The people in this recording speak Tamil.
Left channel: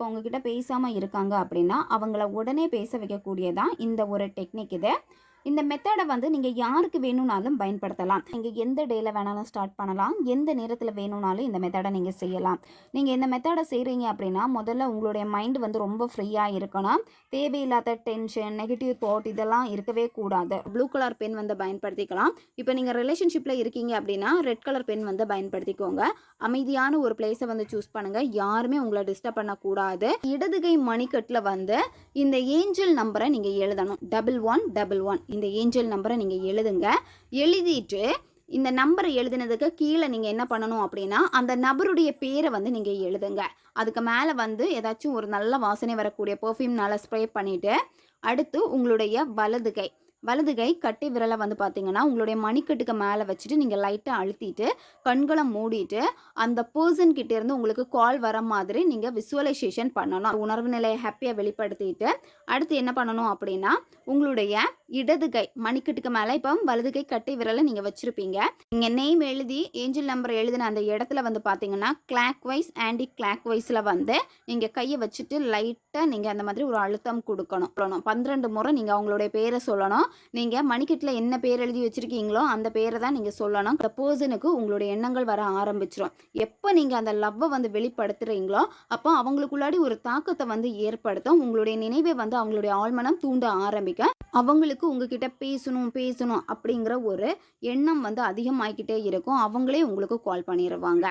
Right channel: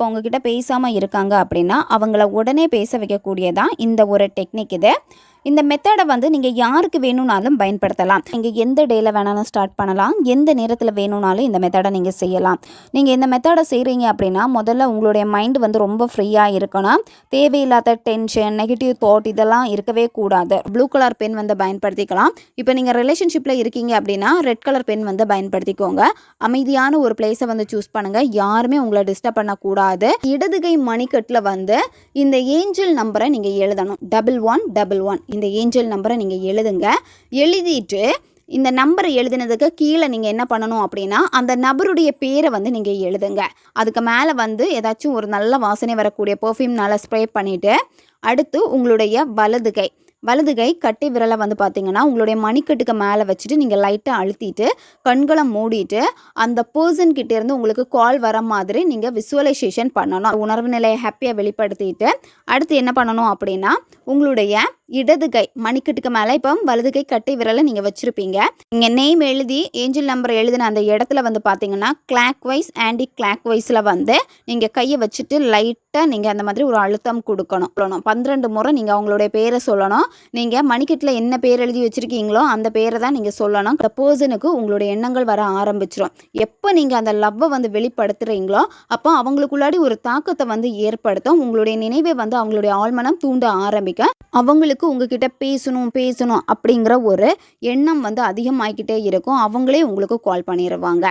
இப்போ உங்ககிட்ட பேசாமல் இருக்காங்க அப்படின்னா அவங்கள உடனே பேச வைக்கக்கூடியதான் இந்த ஒரு டெக்னிக் இது. இந்த மெத்தடை வந்து நீங்கள் யாருக்கு வேணும்னாலும் பயன்படுத்தலாம். நீங்கள் எந்த டேயில் வேணாலும் ஸ்டார்ட் பண்ணலாம், எந்த நேரத்தில் வேணும்னாலும் இந்த மெத்தடை நீங்கள் செய்யலாம். நீங்கள் இந்த மெத்தடை செய்கிறீங்க அப்படின்னா முதல்ல உங்களுடைய மைண்டு வந்து ரொம்ப ஃப்ரீயாக இருக்கணும். தேவையில்லாத டென்ஷன், நெகட்டிவ் தாட் இதெல்லாம் இருக்கவே கூடாது. ப்ளூ கலர் பென் வந்து பயன்படுத்திக்கலாம். இப்போ நீங்கள் ரிலேஷன்ஷிப்பில் இருக்கீங்க அப்படின்னா ரெட் கலர் பென் வந்து பயன்படுத்திக்கோங்க. அமைதியான ஒரு பிளேஸை வந்து சூஸ் பண்ணுங்கள். யாருமே உங்களை டிஸ்டர்ப் பண்ணக்கூடாது. இடதுகை மணிக்கட்டில் வந்து இந்த ஏஞ்சல் நம்பரை நீங்கள் எழுதணும். 1111 இந்த ஏஞ்சல் நம்பரை நீங்கள் எழுதுங்க. எழுதிட்டு இந்த நம்பரை எழுதினதுக்கு கீழே நீங்கள் என்ன பண்ணணும் அப்படின்னா அந்த நபருடைய பேரை வந்து நீங்கள் எழுதுங்க. அதுக்கு மேலே வந்து ஏதாச்சும் ஒரு நல்ல வாசனை வரக்கூடிய பெர்ஃப்யூம்னால ஸ்ப்ரே பண்ணிவிட்டு அடுத்து உங்களுடைய வலது கை கட்டை விரலை வந்து பார்த்தீங்கன்னா உங்களுடைய மணிக்கட்டுக்கு மேலே வச்சுட்டு நீங்கள் லைட்டாக அழுத்திட்டு கண்களை மூடிட்டு அந்த பர்சன் கிட்டே இருந்து உங்களுக்கு கால் வர மாதிரி நீங்கள் விசுவலைசேஷன் பண்ணணும். உணர்வு நிலையை ஹாப்பியாக வெளிப்படுத்திட்டு அடுத்து என்ன பண்ணணும் அப்படின்னா உங்களுடைய இடது கை மணிக்கட்டுக்கு மேலே இப்போ வலது கை கட்டை விரலை நீங்கள் வச்சுருப்பீங்க. நீங்கள் நேம் எழுதி ஏஞ்சல் நம்பர் எழுதின அந்த இடத்துல வந்து பார்த்தீங்கன்னா கிளாக் வைஸ் ஆன்டி கிளாக் வைஸில் வந்து நீங்கள் கையை வச்சுட்டு லைட்டாக நீங்கள் அந்த மாதிரி ஒரு அழுத்தம் கொடுக்கணும். 12 முறை நீங்கள் அவங்களுடைய பேரை சொல்லணும். நீங்கள் மணிக்கட்டில் என்ன பேர் எழுதி வச்சுருக்கீங்களோ அந்த பேரை தான் நீங்கள் சொல்லணும். அந்த பர்சனுக்கு உங்களுடைய எண்ணங்கள் வர ஆரம்பிச்சிடும். எப்போ நீங்கள் அந்த லவ்வை வந்து வெளிப்படுத்துகிறீங்களோ அப்போ அவங்களுக்குள்ளாடி ஒரு தாக்கத்தை வந்து ஏற்படுத்தும். உங்களுடைய நினைவை வந்து அவங்களுடைய ஆழ்மனம் தூண்ட ஆரம்பிக்கும். அவங்களுக்கு உங்ககிட்ட பேசணும் அப்படிங்கிற ஒரு எண்ணம் வந்து அதிகமாகிக்கிட்டே இருக்கும். அவங்களே உங்களுக்கு கால் பண்ணிடுவாங்க.